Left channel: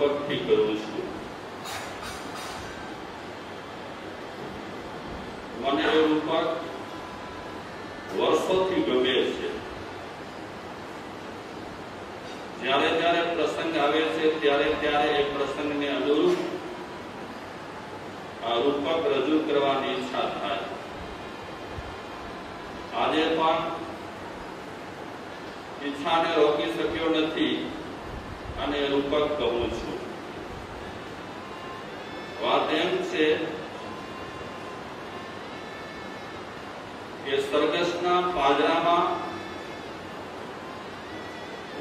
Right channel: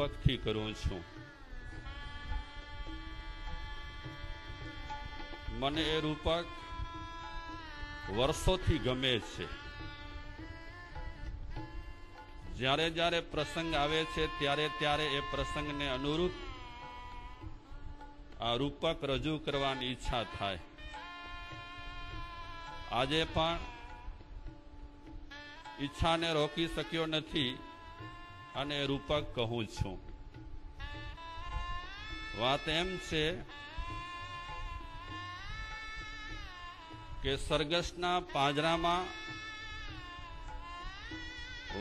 રૂપકથી કરું છું. મને એ રૂપક વર્ષોથી ગમે છે. જ્યારે જ્યારે પ્રસંગ આવે છે ત્યારે ત્યારે એ પ્રસંગને અનુરૂપ આ રૂપક રજૂ કરવાની ઈચ્છા થાય. આજે પણ ઈચ્છાને રોકી શક્યો નથી અને રૂપક કહું છું. વાત એમ છે કે સરઘસના પાંજરામાં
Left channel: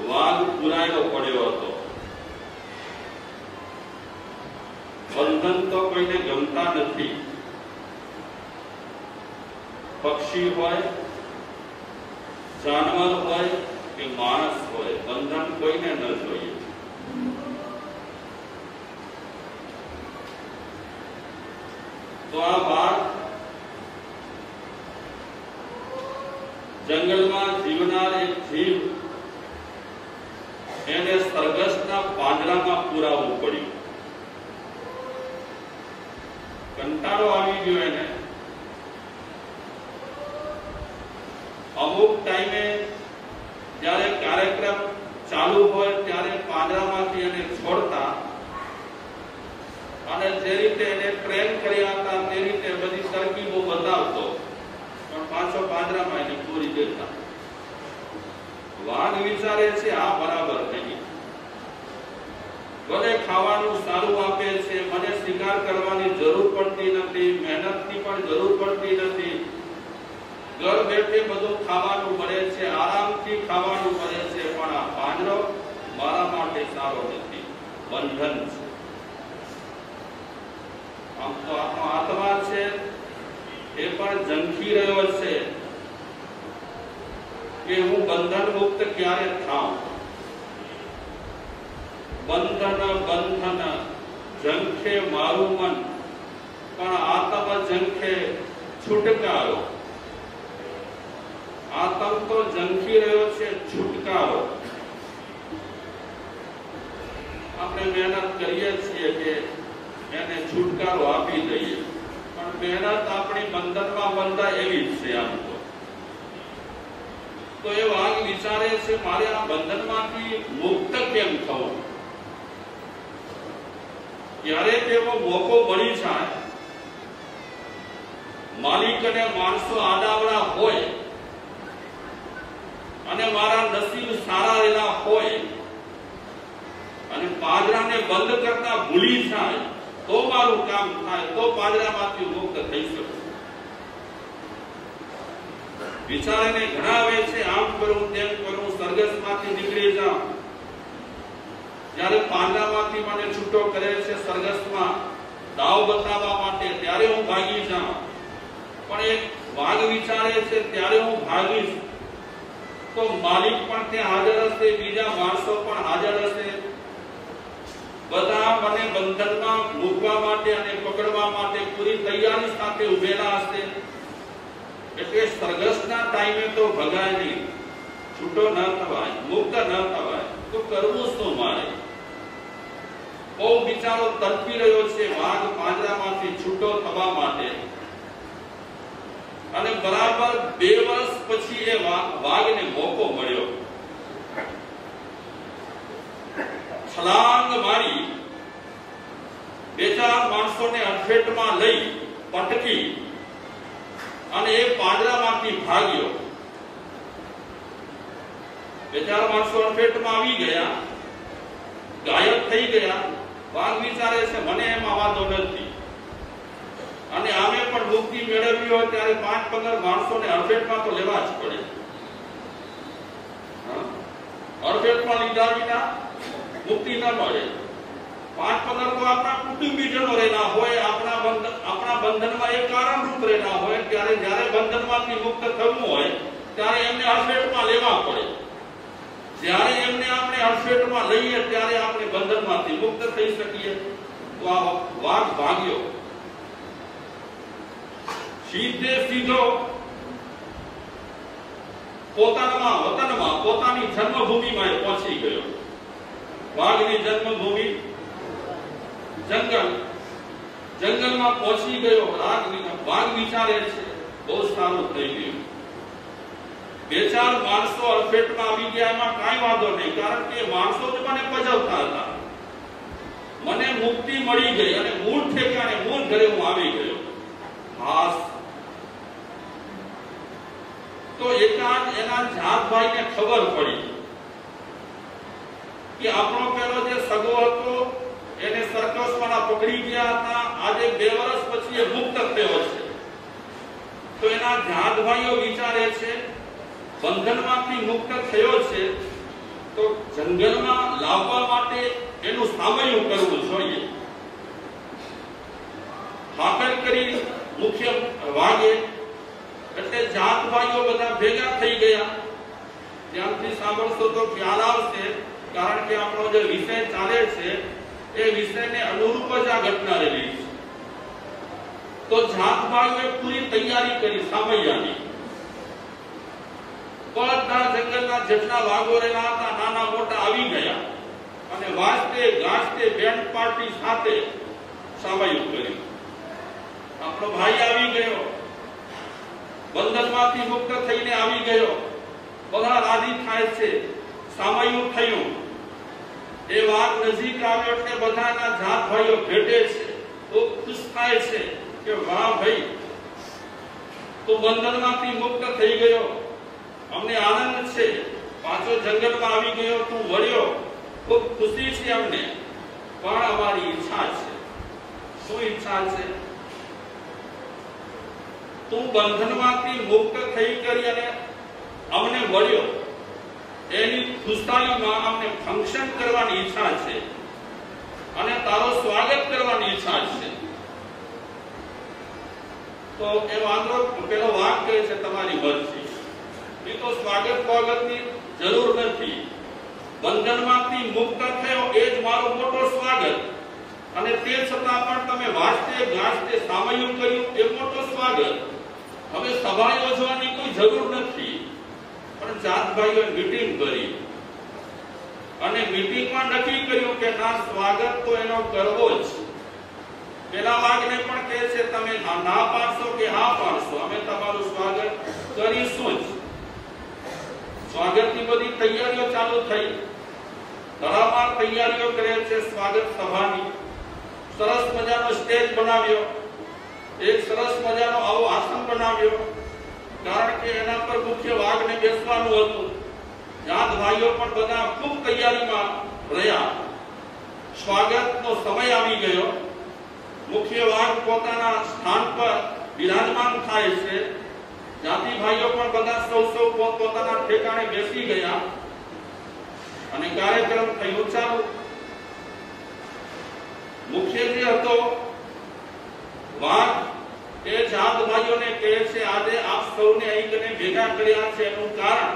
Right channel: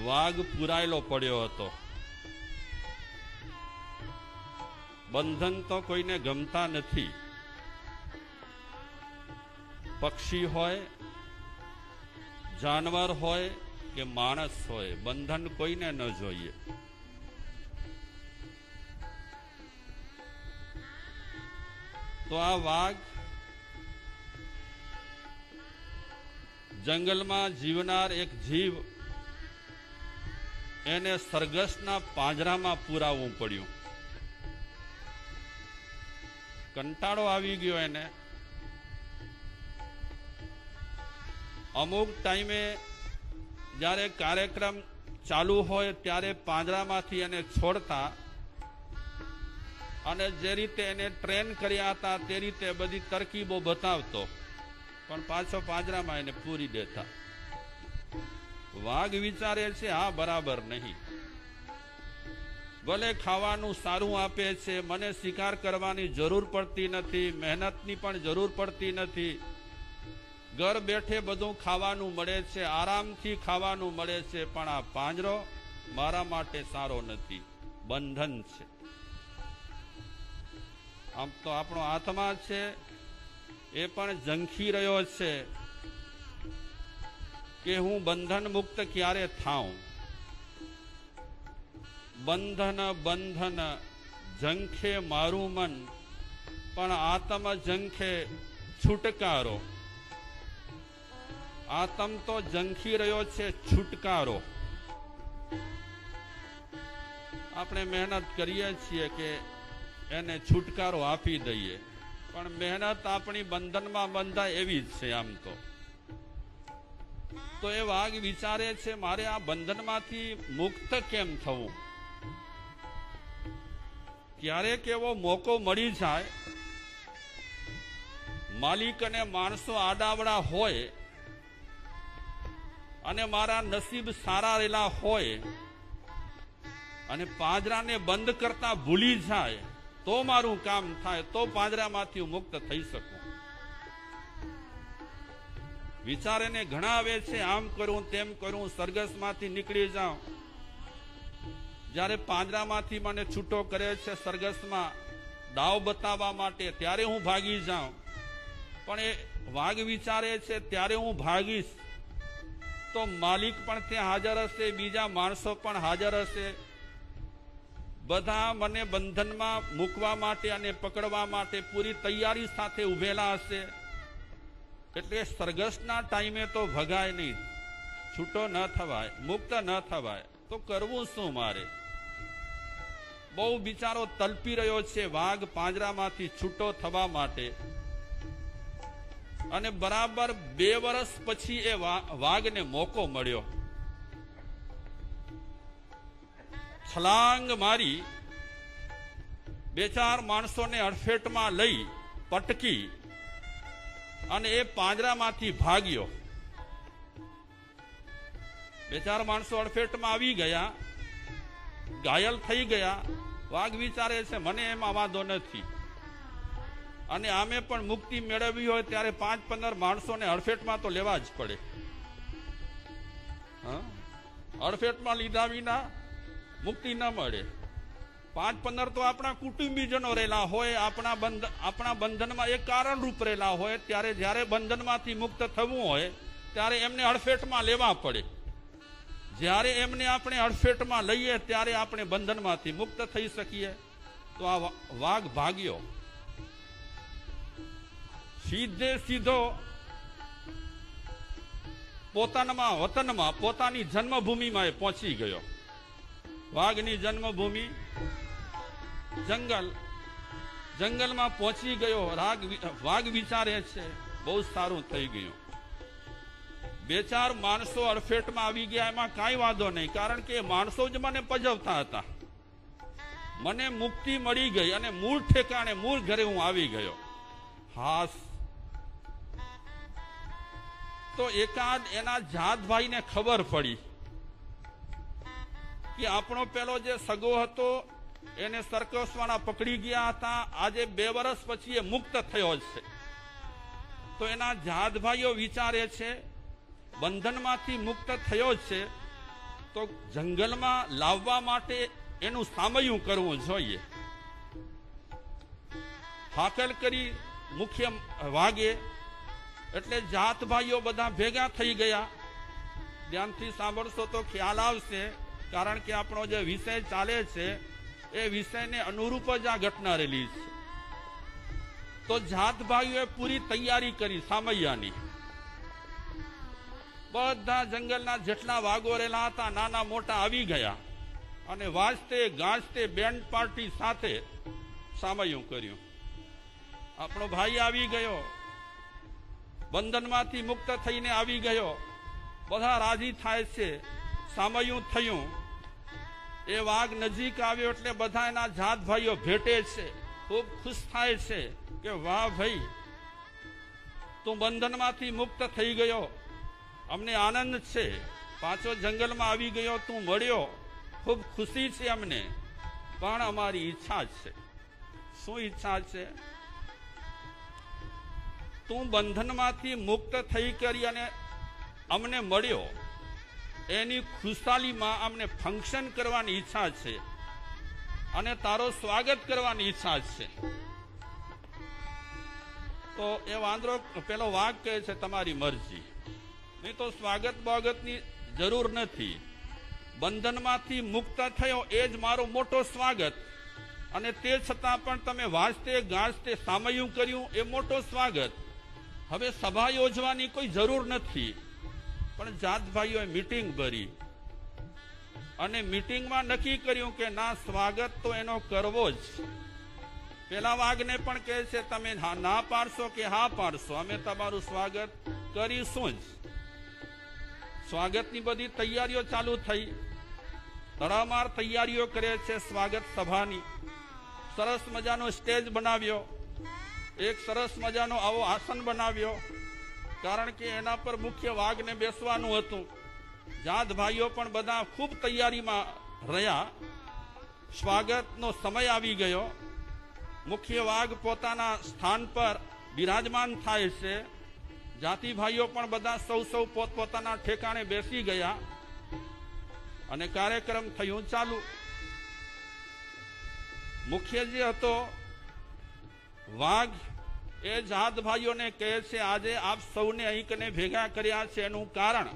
વાઘ પુરાયેલો પડ્યો હતો. બંધન તો કોઈને ગમતા નથી. પક્ષી હોય, જાનવર હોય કે માણસ હોય, બંધન કોઈને ન જોઈએ. તો આ વાઘ જંગલમાં જીવનાર એક જીવ, એને સરઘસના પાંજરામાં પુરાવવું પડ્યું. કંટાળો આવી ગયો એને. અમુક ટાઈમે જ્યારે કાર્યક્રમ ચાલુ હોય ત્યારે પાંજરામાંથી એને છોડતા અને જે રીતે એને ટ્રેન કર્યા હતા તે રીતે બધી તરકીબો બતાવતો, પણ પાછો પાંજરામાં એને પૂરી દેતા. વાઘ વિચારે છે આ બરાબર નહીં. બધે ખાવાનું સારું આપે છે, મને શિકાર કરવાની જરૂર પડતી નથી, મહેનતની પણ જરૂર પડતી નથી, ઘર બેઠે બધું ખાવાનું મળે છે, આરામથી ખાવાનું મળે છે, પણ આ પાંજરો મારા માટે સારો નથી, બંધન છે. આમ તો આપણો આત્મા છે એ પણ ઝંખી રહ્યો છે કે હું બંધન મુક્ત ક્યારે થાઉં. બંધન બંધન ઝંખે મારું મન, પણ આત્મ ઝંખે છુટકારો. આત્મ તો ઝંખી રહ્યો છે છુટકારો. આપણે મહેનત કરીએ છીએ કે એને છુટકારો આપી દઈએ, પણ મહેનત આપણી બંધનમાં બંધાય એવી જ છે. આમ તો એ વાઘ વિચારે છે મારે આ બંધનમાંથી મુક્ત કેમ થવું. ક્યારેક એવો મોકો મળી જાય, માલિક અને માણસો આડાવડા હોય અને મારા નસીબ સારા રહેલા હોય અને પાંજરાને બંધ કરતા ભૂલી જાય તો મારું કામ થાય, તો પાંજરામાંથી મુક્ત થઈ શકું. વિચારીને ઘણાવે છે આમ કરું તેમ કરું, સરઘસમાંથી નીકળી જાઉં. જ્યારે પાંજરામાંથી મને છૂટો કરે છે સરઘસમાં દાવ બતાવવા માટે, ત્યારે હું ભાગી જાઉં. પણ એક વાઘ વિચારે છે ત્યારે હું ભાગીશ તો માલિક પણ ત્યાં હાજર હશે, બીજા માણસો પણ હાજર હશે, બધા મને બંધનમાં મૂકવા માટે અને પકડવા માટે પૂરી તૈયારી સાથે ઉભેલા હશે. એટલે સરઘસના ટાઈમે તો ભગાય નહીં, છૂટો ન થવાય, મુક્ત ન થવાય, તો કરવું શું મારે? બહુ વિચારો તડપી રહ્યો છે વાઘ પાંજરામાંથી છૂટો થવા માટે. અને બરાબર 2 વર્ષ પછી એ વાઘને મોકો મળ્યો. છલાંગ મારી 2-4 માણસોને અડફેટમાં લઈ પટકી અને એ પાંજરામાંથી ભાગ્યો. 2-4 માણસો અડફેટમાં આવી ગયા, ઘાયલ થઈ ગયા. વાઘ વિચારે છે મને એમાં વાંધો નથી, અને આમે પણ મુક્તિ મેળવવી હોય ત્યારે 5-15 માણસોને અડફેટમાં તો લેવા જ પડે. અડફેટમાં લીધા વિના મુક્તિ ન મળે. 5-15 તો આપણા કુટુંબીજનો રહેલા હોય, આપણા બંધનમાં એક કારણરૂપ રહેલા હોય, ત્યારે જ્યારે બંધનમાંથી મુક્ત થવું હોય ત્યારે એમને અડફેટમાં લેવા પડે. જ્યારે એમને આપણે અડફેટમાં લઈએ ત્યારે આપણે બંધનમાંથી મુક્ત થઈ શકીએ. તો આ વાઘ ભાગ્યો, સીધે સીધો પોતાના વતનમાં, પોતાની જન્મભૂમિમાં પહોંચી ગયો. વાઘની જન્મભૂમિ जंगल में पहुंची गयो। वाघ विचारे छे बहुत सारू थई गयुं। बे चार माणसो अडफेट में आवी गया, एमां काई वांधो नहीं, कारण के माणसो ज मने पजवता हता। मने मुक्ति मळी गई अने मूळ ठेकाणे मूळ घरे हूँ आवी गयो। हास तो एकांत एना जात भाई ने खबर पड़ी कि आपणो पेलो जे सगो हतो एने सर्कस वाळा पकड़ी गया था, आज 2 वर्ष पछी ए मुक्त थयो छे। तो एना जात भाईओ विचारे छे बंधनमांथी मुक्त थयो छे तो जंगलमां लाववा माटे एनुं सामयिक करવું જોઈએ। હાકલ કરી મુખ્ય વાગે એટલે જાત ભાઈઓ બધા ભેગા થઈ ગયા। ધ્યાનથી સાંભળશો તો ખ્યાલ આવશે, કારણ કે આપણો જે વિષય ચાલે છે એ વિષયને અનુરૂપ જ આ ઘટના રહેલી છે। તો જાત ભાઈઓએ પૂરી તૈયારી કરી સામૈયાની। બધા જંગલના જેટલા વાઘો રહેલા હતા નાના મોટા આવી ગયા અને વાજતે ગાજતે બેન્ડ પાર્ટી સાથે સામયિક કર્યું। આપણો ભાઈ આવી ગયો, બંધનમાંથી મુક્ત થઈને આવી ગયો, બધા રાજી થાય છે, સામયિક થયું। એ વાઘ નજીક આવ્યો એટલે બધાના જાત ભાઈઓ ભેટે છે, ખૂબ ખુશ થાય છે કે વાહ ભાઈ તો બંધનમાંથી મુક્ત થઈ ગયો, अमने आनंद छे, पाछो जंगल में आवी गयो, तू वळ्यो, खूब खुशी छे अमने, पण अमारी इच्छा छे। शुं इच्छा छे? तू बंधनमांथी मुक्त थई करी अने अमने वळ्यो, एनी खुशालीमां अमने फंक्शन करवानी इच्छा छे अने तारो स्वागत करवानी इच्छा छे। तो ए वांदो पेलो वाग कहे छे तमारी मर्जी, तो स्वागत स्वागतनी जरूर नहीं। बंधनमांथी मुक्त थयो ए ज मारो मोटो स्वागत, अने ते छतां पण तमे वाजते गाजते सामयिक कर्युं ए मोटो स्वागत। हवे सभा योजवानी कोई जरूर नहीं, पण जात भाईओए मीटिंग करी अने मीटिंग में नक्की कर्युं के ना स्वागत तो एनो करवो ज। पेला वागने पण कहे छे तमे ना पाडशो के हाँ पाडशो, अमे तमारुं स्वागत करीशुं ज। स्वागत की बड़ी तैयारीओ चालू थई, तड़ामार तैयारीओ करे छे स्वागत सभानी। सरस मजानो स्टेज बनाव्यो, एक सरस मजानो आवो आसन बनाव्यो, कारण के एना पर मुख्य वाघने बेसवानुं हतुं। जात भाईओ पण बधा खूब तैयारीमां रह्या। स्वागतनो समय आवी गयो, मुख्य वाघ पोताना स्थान पर विराजमान थाय छे। जाति भाईओ पण बधा सौ पोताना ठेकाणे बेसी गया अने कार्यक्रम थयो चालू। मुख्य जे हतो वाघ ए जात भाईओने कहे छे आजे आप सौने અહીં કને ભેગા કર્યા છે એનું કારણ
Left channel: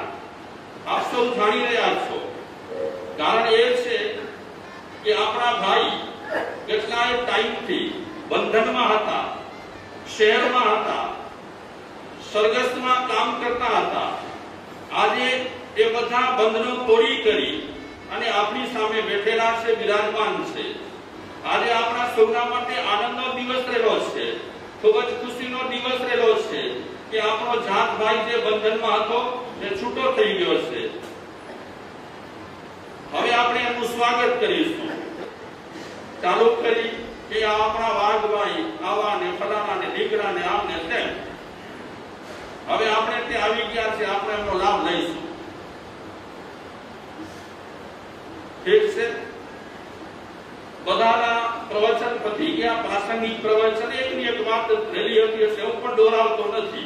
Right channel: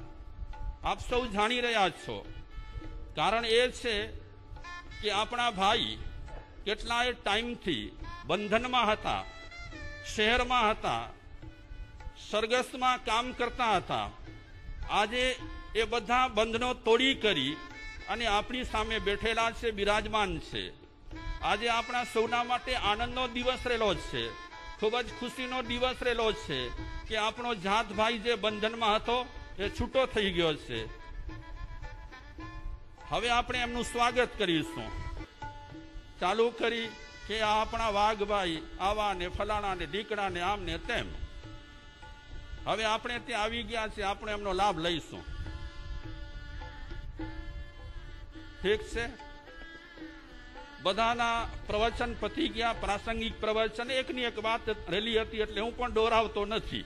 આપ સૌ જાણી રહ્યા છો। કારણ એ છે કે આપણા ભાઈ કેટલાય ટાઈમથી બંધનમાં હતા, શહેરમાં હતા, सरगस में काम करता था। आज ए बधा बंधनो तोड़ी करी अने आपनी सामे बैठेला छे, विराजमान छे। आज आपना सौना माटे आनंदनो दिवस रहेलो छे, खूब ज खुशीनो दिवस रहेलो छे के आपनो जात भाई जे बंधन में हतो ए छूटो थई गयो छे। हवे आपणे एनुं स्वागत करीशुं। चालू करी के आपना वाघ भाई आवा ने फलाना ने ढीकड़ा ने आम ने तेम। હવે આપણે તે આવી ગયા છે, આપણે એનો લાભ લઈશું। ઠીક છે, બધાના પ્રવચન પતી ગયા, પ્રાસંગિક પ્રવચન એકની એક વાત રહેલી હતી એટલે હું પણ દોરાવતો નથી।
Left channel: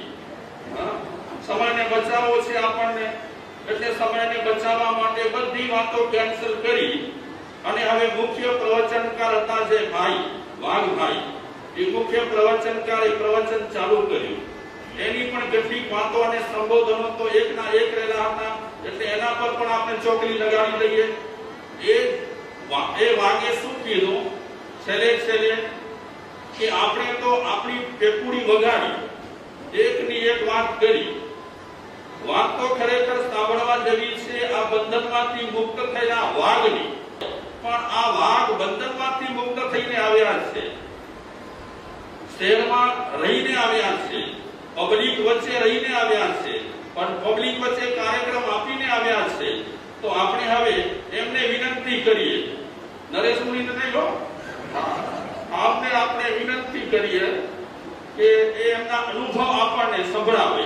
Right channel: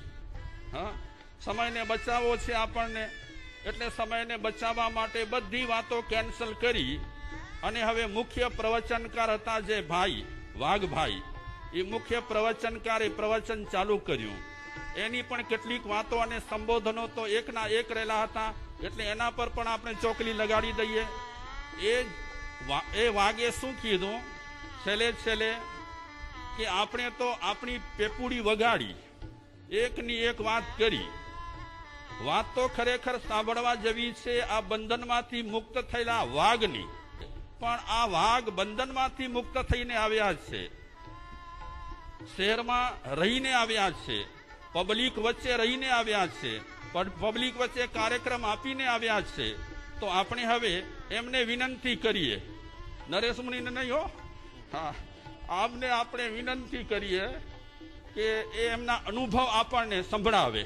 સમયને બચાવવો છે આપણને, એટલે સમયને બચાવવા માટે બધી વાતો કેન્સલ કરી અને હવે મુખ્ય પ્રવચનકાર હતા જે ભાઈ વાઘભાઈ, એ મુખ્ય પ્રવચનકારે પ્રવચન ચાલુ કર્યું। એની પણ કેટલીક વાતો અને સંબોધનો તો એકના એક રહેલા હતા, એટલે એના પર પણ આપણે ચોકડી લગાવી દઈએ। એ વાગે શું કીધું છેલ્લે કે આપણે તો આપણી પેકુડી વગાડી, એકની એક વાત કરી। વાત તો ખરેખર સાંભળવા જેવી છે આ બંધનમાંથી મુક્ત થયેલા વાઘની, પણ આ વાઘ બંધનમાંથી મુક્ત થઈને આવ્યા છે, શહેરમાં રહીને આવ્યા છે, પબ્લિક વચ્ચે રહીને આવ્યા છે, પણ પબ્લિક વચ્ચે કાર્યક્રમ આપીને આવ્યા છે, તો આપણે હવે એમને વિનંતી કરીએ, નરેશ મુનિને નહીં હો, આપને આપણે વિનંતી કરીએ કે એમના અનુભવ આપણને સંભળાવે.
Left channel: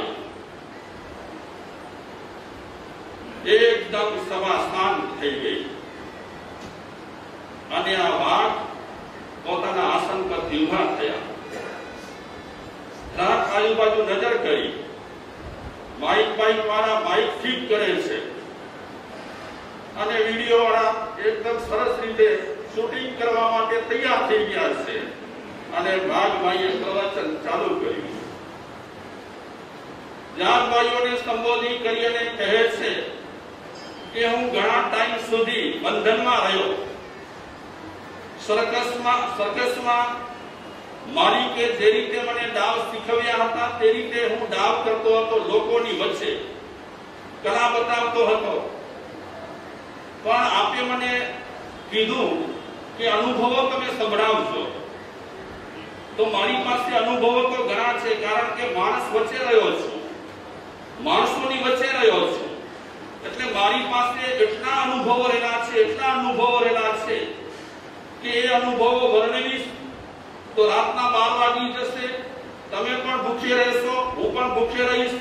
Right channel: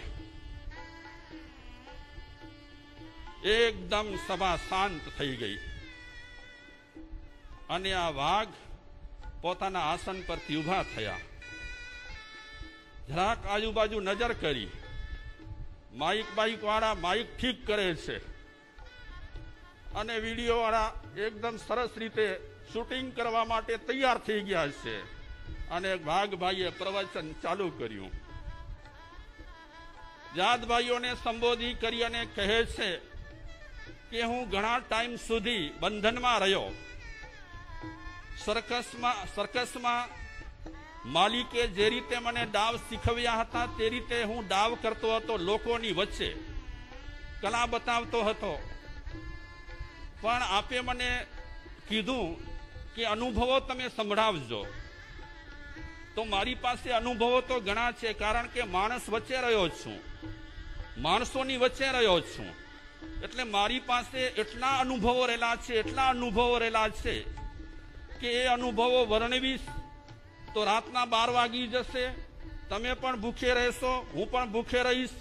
એકદમ સભા શાંત થઈ ગઈ અને આ વાઘ પોતાના આસન પરથી ઉભા થયા. રાત આજુબાજુ નજર કરી, માઇક વાળા માઇક ઠીક કરે છે અને વિડીયો વાળા એકદમ સરસ રીતે શૂટિંગ કરવા માટે તૈયાર થઈ ગયા છે અને ભાગભાઈએ પ્રવચન ચાલુ કર્યું. જાતભાઈઓને સંબોધિત કરી અને કહે છે કે હું ઘણા ટાઈમ સુધી બંધનમાં રહ્યો, સર્કસમાં મારી કે જે રીતે મને ડાવ શીખવ્યા હતા તે રીતે હું ડાવ કરતો હતો, લોકોની વચ્ચે કલા બતાવતો હતો, પણ આપે મને કીધું કે અનુભવો તમે સંભળાવજો. તો મારી પાસે અનુભવો તો ઘણા છે, કારણ કે માણસ વચ્ચે રહ્યો છું, માણસોની વચ્ચે રહ્યો છું, એટલે મારી પાસે એટલા અનુભવો રહેલા છે કે એ અનુભવો વર્ણવીશ તો રાતના 12 વાગી જશે, તમે પણ ભૂખે રહેશો, હું પણ ભૂખે રહીશ,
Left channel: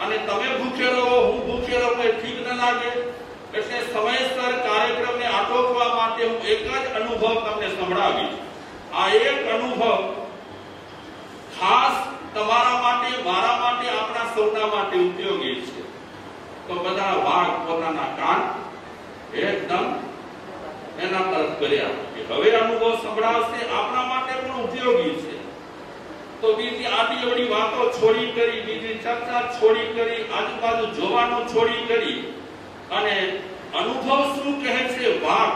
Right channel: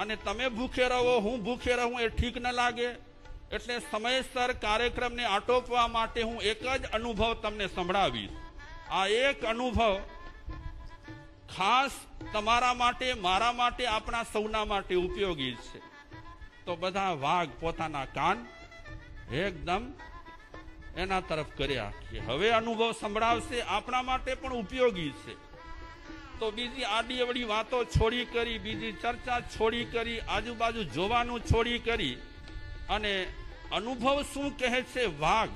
અને તમે ભૂખે રહો, હું ભૂખે રહું, એ ઠીક ન લાગે. એટલે સમયસર કાર્યક્રમને આટોપવા માટે હું એક જ અનુભવ તમને સંભળાવીશ. આ એક અનુભવ ખાસ તમારા માટે, મારા માટે, આપણા સૌના માટે ઉપયોગી છે. તો બધા વાઘ પોતાના કાન એકદમ એના તરફ કર્યા કે હવે અનુભવ સંભળાવશે, આપણા માટે પણ ઉપયોગી છે. તો બીજી આડી અવળી વાતો છોડી કરી, બીજી ચર્ચા છોડી કરી, આજુબાજુ જોવાનું છોડી કરી અને અનુભવ શું કહે છે વાઘ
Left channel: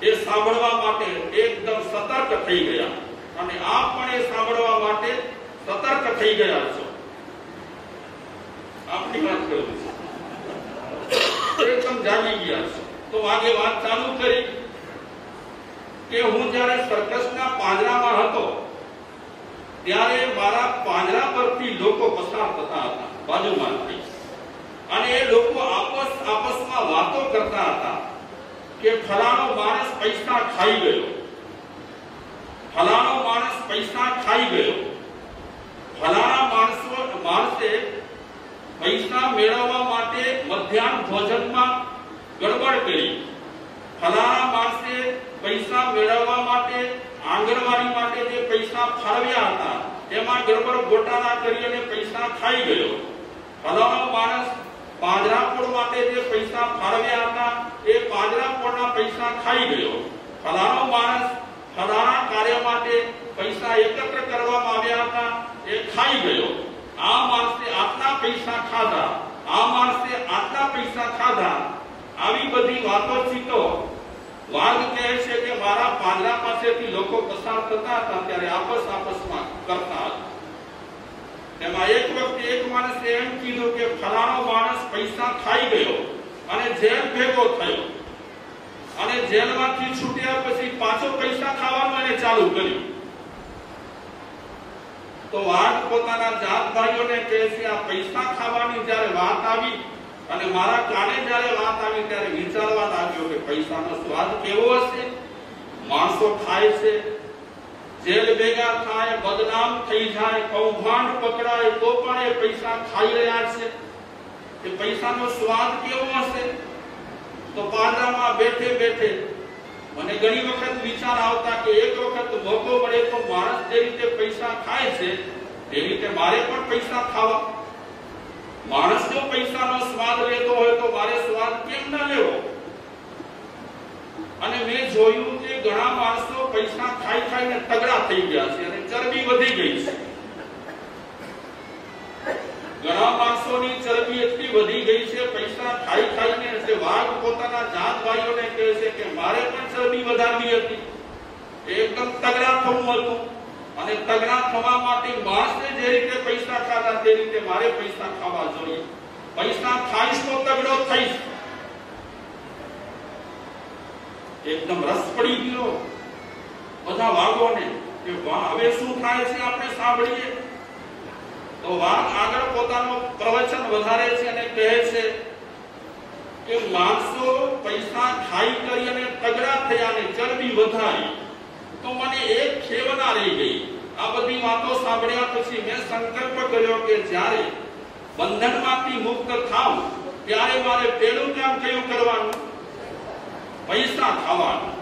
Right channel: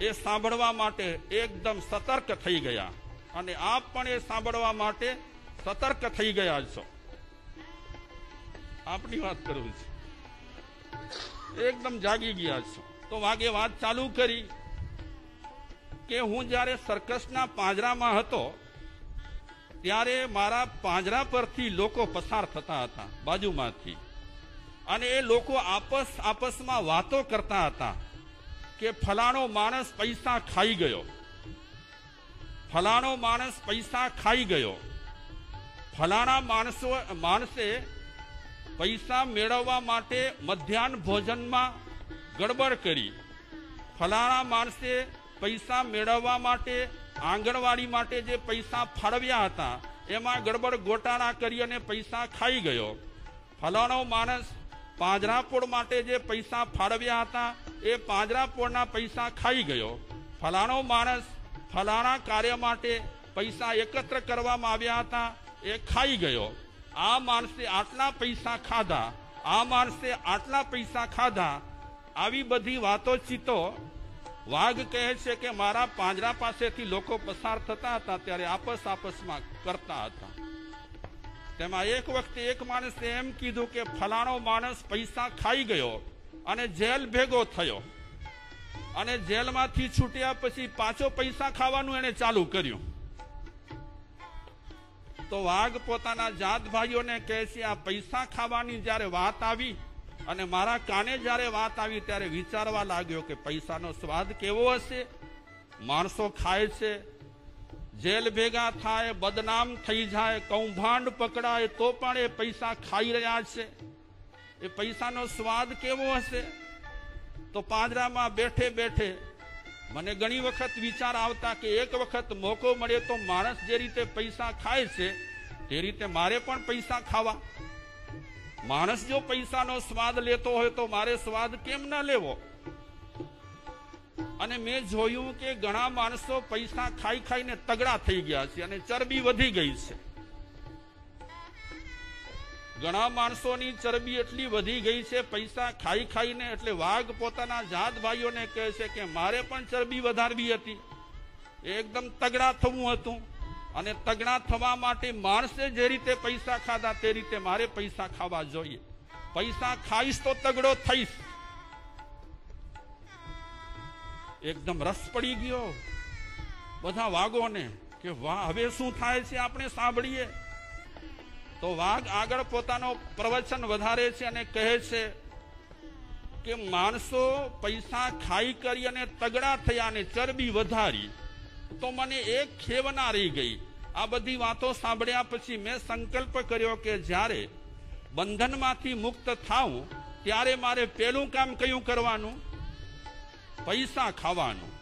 એ સાંભળવા માટે એકદમ સતર્ક થઈ ગયા અને આપ પણ એ સાંભળવા માટે સતર્ક થઈ ગયા છો. આપની વાત કરું છું, એકદમ જાગી ગયા છો. તો વાગે વાત ચાલુ કરી કે હું જ્યારે સર્કસના પાંજરામાં હતો ત્યારે મારા પાંજરા પરથી લોકો પસાર થતા હતા બાજુમાંથી, અને એ લોકો આપસમાં વાતો કરતા હતા કે ફલાણો માણસ પૈસા ખાઈ ગયો, ફલાણો માણસ પૈસા ખાઈ ગયો, ફલાણા માણસે પૈસા મેળવવા માટે મધ્યાહન ભોજનમાં ગડબડ કરી, ફલાણા માણસે પૈસા મેળવવા માટે આંગણવાડી માટે જે પૈસા ફાળવ્યા હતા એમાં ગડબડ ગોટાળા કરી અને પૈસા ખાઈ ગયો, ફલાણો માણસ પાંજરાપોળ માટે જે પૈસા ફાળવ્યા હતા એ પાંજરાપોળના પૈસા ખાઈ ગયો, ફલાણો માણસ ફલાણા કાર્ય માટે પૈસા એકત્ર કરવામાં આવ્યા હતા એ ખાઈ ગયો, આ માણસે આટલા પૈસા ખાધા, આ માણસે આટલા પૈસા ખાધા. આવી બધી વાતોચીતો વાઘ કહે છે કે મારા પાંજરા પાસેથી લોકો પસાર થતા હતા ત્યારે આપસમાં કરતા હતા. એમાં એક વખતે એક માણસે એમ કીધું કે ફલાણો માણસ પૈસા ખાઈ ગયો અને જેલ ભેગો થયો, અને જેલમાંથી છૂટ્યા પછી પાછો પૈસા ખાવાનું એને ચાલુ કર્યું. તો વાઘ પોતાના જાત ભાઈઓને કહે છે આ પૈસા ખાવાની જ્યારે વાત આવી અને મારા કાને જ્યારે વાત આવી ત્યારે વિચારવા લાગ્યો કે પૈસાનો સ્વાદ કેવો હશે. માણસો ખાય છે, જેલ ભેગા થાય, બદનામ થઈ જાય, કૌભાંડ પકડાય તો પણ એ પૈસા ખાઈ રહ્યા છે, એ પૈસાનો સ્વાદ કેવો હશે. તો પાંજરામાં બેઠે બેઠે મને ઘણી વખત વિચાર આવતા કે એક વખત મોકો મળે તો માણસ જે રીતે પૈસા ખાય છે એ રીતે મારે પણ પૈસા ખાવા. માણસ જો પૈસાનો સ્વાદ લેતો હોય તો મારે સ્વાદ કેમ ન લેવો. અને મેં જોયું કે ઘણા માણસો પૈસા ખાઈ ખાઈને તગડા થઈ ગયા છે અને ચરબી વધી ગઈ છે. ઘણા માણસોની ચરબી એટલી વધી ગઈ છે પૈસા ખાઈ ખાઈને. એટલે વાઘ પોતાના જાત ભાઈઓને કહે છે કે મારે પણ ચરબી વધારવી હતી, એકદમ તગડા થવું હતું, અને તગડા થવા માટે માણસે જે રીતે પૈસા ખાધા તે રીતે મારે પૈસા ખાવા જોઈએ. પૈસા ખાઈશ તો તગડો થઈશ. એકદમ રસ પડી ગયો. બધા વાઘોને કે હવે શું થાય છે આપણે સાંભળીએ. તો વાઘ આગળ પોતાનો પ્રવચન વધારે છે અને કહે છે કે માણસો પૈસા ખાઈ કરી અને તગડા થયા અને ચરબી વધારી તો મને એક ખેવના રહી ગઈ. આ બધી વાતો સાંભળ્યા પછી મેં સંકલ્પ કર્યો કે જ્યારે બંધનમાંથી મુક્ત થાઉં ત્યારે મારે પેલું કામ કયું કરવાનું? પૈસા ખાવાનું.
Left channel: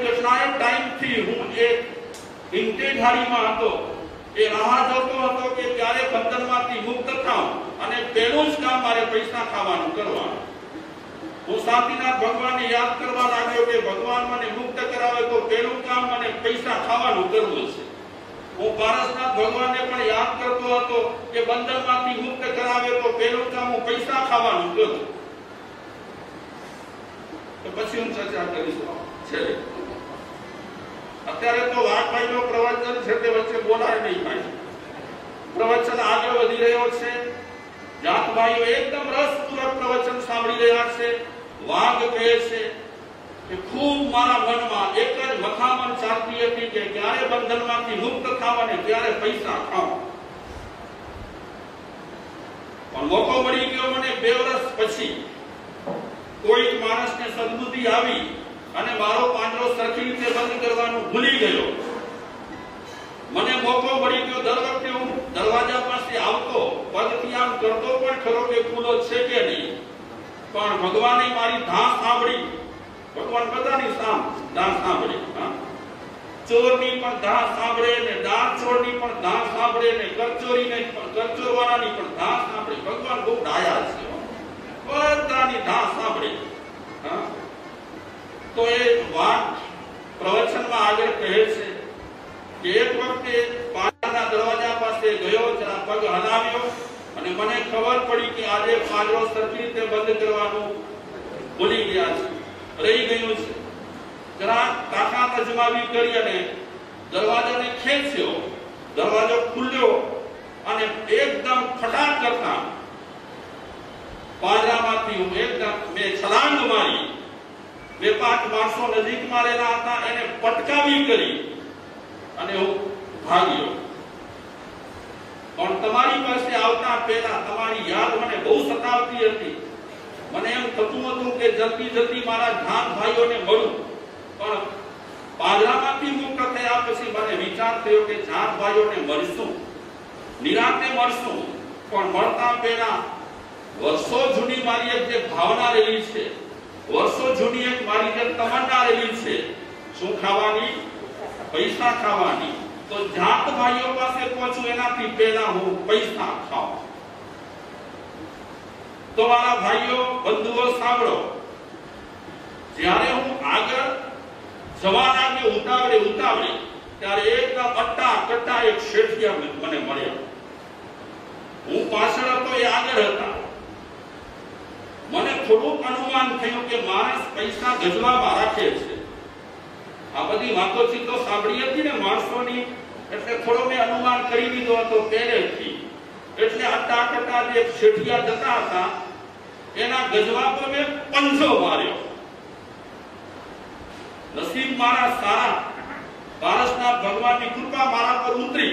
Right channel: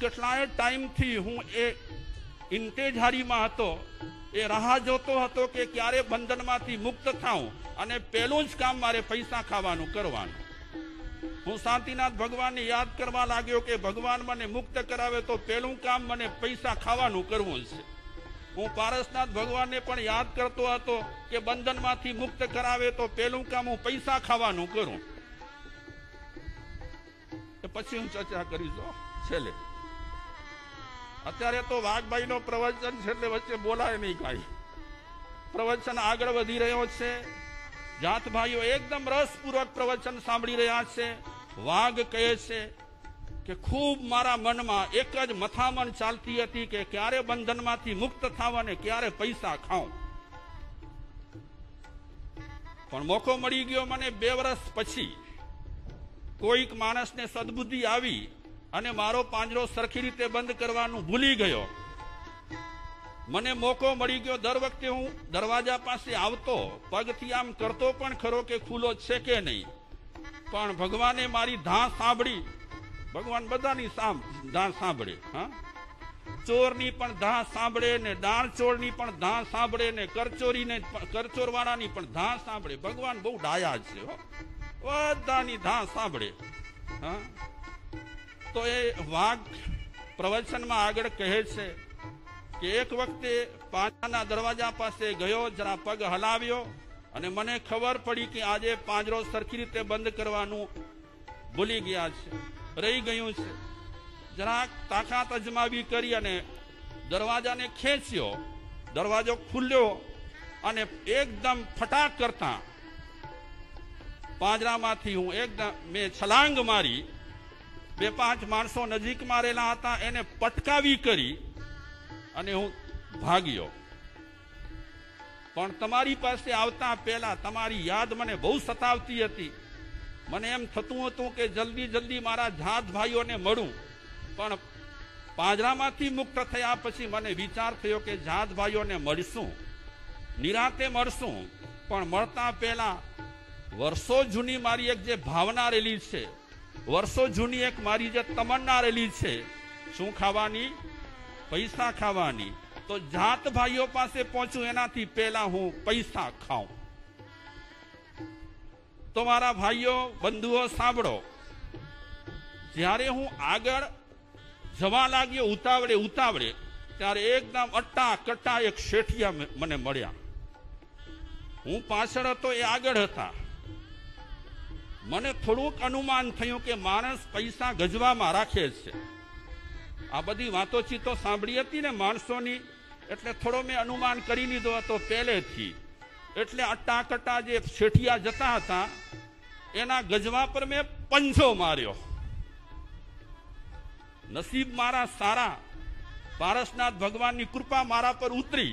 કેટલાય ટાઈમથી હું એક ઇન્ટેધારીમાં હતો. એ રાહ જોતો હતો કે ક્યારે બંધનમાંથી મુક્ત થાઉં અને પેલું જ કામ મારે પૈસા ખાવાનું કરવાનું. હું સાતીનાથ ભગવાનને યાદ કરવા લાગ્યો કે ભગવાન મને મુક્ત કરાવે તો પેલું કામ મને પૈસા ખાવાનું કરવું છે. હું પારસનાથ ભગવાનને પણ યાદ કરતો હતો કે બંધનમાંથી મુક્ત કરાવે તો પેલું કામ હું પૈસા ખાવાનું કરું. તો પછી હું ચર્ચા કરીશું છેલ્લે. અત્યારે તો વાઘભાઈનો પ્રવચન છે તે વચ્ચે બોલાય નહીં ભાઈ. પ્રવચન આગળ વધી રહ્યો છે. જાતભાઈઓ એકદમ રસપૂર્વક પ્રવચન સાંભળી રહ્યા છે. વાઘ કહે છે કે ખૂબ મારા મનમાં એક જ મથામણ ચાલતી હતી કે ક્યારે બંધનમાંથી મુક્ત થાવ અને ક્યારે પૈસા ખાવ. પણ મોકો મળી ગયો મને 2 વર્ષ પછી. કોઈક માણસને સદબુદ્ધિ આવી અને મારો પાંજરો સરખી રીતે બંધ કરવાનું ભૂલી ગયો. મને મોકો મળી ગયો. દર વખતે હું દરવાજા પાસે આવતો, પગથી આમ કરતો પણ ખરો કે ખુલ્લો છે કે નહીં. પણ ભગવાને મારી ધાં સાંભળી. ભગવાન બધાની ધાં સાંભળી. ચોરની પણ ધાં સાંભળે ને દાણ ચોરની પણ ધાં સાંભળે ને કરચોરીને પણ કરચોરવાળાની પણ ધાં સાંભળે. ભગવાન બહુ ડાયા છે. બધાની ધાં સાંભળે. તો એ વાત પ્રવચનમાં આગળ કહે છે કે એક વખતે પાંજરાના દરવાજા પાસે ગયો, જરા પગ હલાવ્યો અને મને ખબર પડી કે આજે પાંજરો સરખી રીતે બંધ કરવાનું ભૂલી ગયા છે, રહી ગયું છે. જરા તાકાત અજમાવી કરી અને દરવાજાને ખેંચ્યો. દરવાજો ખુલ્યો અને એકદમ ફટાક કરતા પાંજરામાંથી હું એકદમ મેં છલાંગ મારી. 2-5 માણસો નજીકમાં રહેલા હતા, એને પટકાવી કરી અને હું ભાગ્યો. પણ તમારી પાસે આવતા પહેલા તમારી યાદ મને બહુ સતાવતી હતી. મને એમ થતું હતું કે જલ્દી મારા જાત ભાઈઓને મળું. પણ પાંજરામાંથી મુક્ત થયા પછી મને વિચાર થયો કે જાત ભાઈઓને મળશું, નિરાંતે મળશું. પણ મળતા પહેલા વર્ષો જૂની મારી એક જે ભાવના રહેલી છે, વર્ષો જૂની એક મારી જે તમન્ના રહેલી છે, શું ખાવાની? પૈસા ખાવાની. તો જાત ભાઈઓ પાસે પહોંચું એનાથી પહેલા હું પૈસા ખાઉં. તો મારા ભાઈઓ, બંધુઓ સાંભળો. જ્યારે હું આગળ જવા લાગ્યો ઉતાવળે ત્યારે એકદમ અટ્ટા કટ્ટા એક શેઠિયા મને મળ્યા. હું પાછળ હતો, એ આગળ હતા. મને થોડુંક અનુમાન થયું કે માણસ પૈસા ગજવામાં રાખે છે. આ બધી વાતોચીતો સાંભળી હતી ને માણસોની, એટલે થોડો મેં અનુમાન કરી લીધો હતો પહેલેથી. એટલે અટ્ટા કટ્ટા જે શેઠિયા જતા હતા એના ગજવા પર મેં પંજો માર્યો. નસીબ મારા સારા, પારસનાથ ભગવાનની કૃપા મારા પર ઉતરી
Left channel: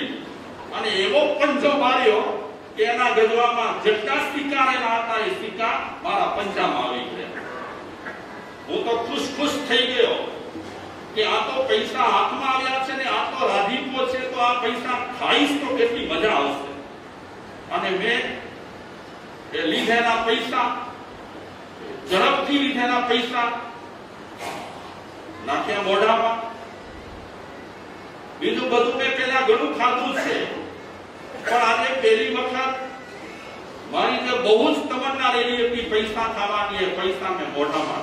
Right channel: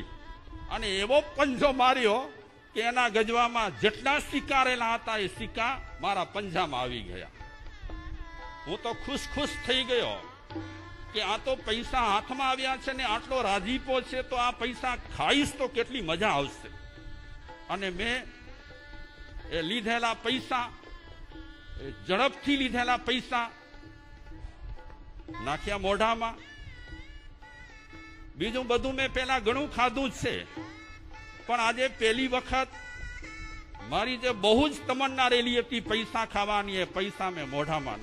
અને એવો પંજો માર્યો કે એના ગજવામાં જેટલા સિક્કા રહેલા હતા એ સિક્કા મારા પંજામાં આવી ગયા. હું તો ખુશ થઈ ગયો કે આ તો પૈસા હાથમાં આવ્યા છે ને આ તો રાજીપો છે, તો આ પૈસા ખાઈશ તો કેટલી મજા આવશે. અને મેં એ લીધેલા પૈસા, ઝડપથી લીધેલા પૈસા નાખ્યા મોઢામાં. બીજું બધું મેં પેલા ઘણું ખાધું છે, પણ આજે પહેલી વખત મારી જે બહુ જ તમન્ના રહેલી હતી પૈસા ખાવાની, એ પૈસા મેં મોઢામાં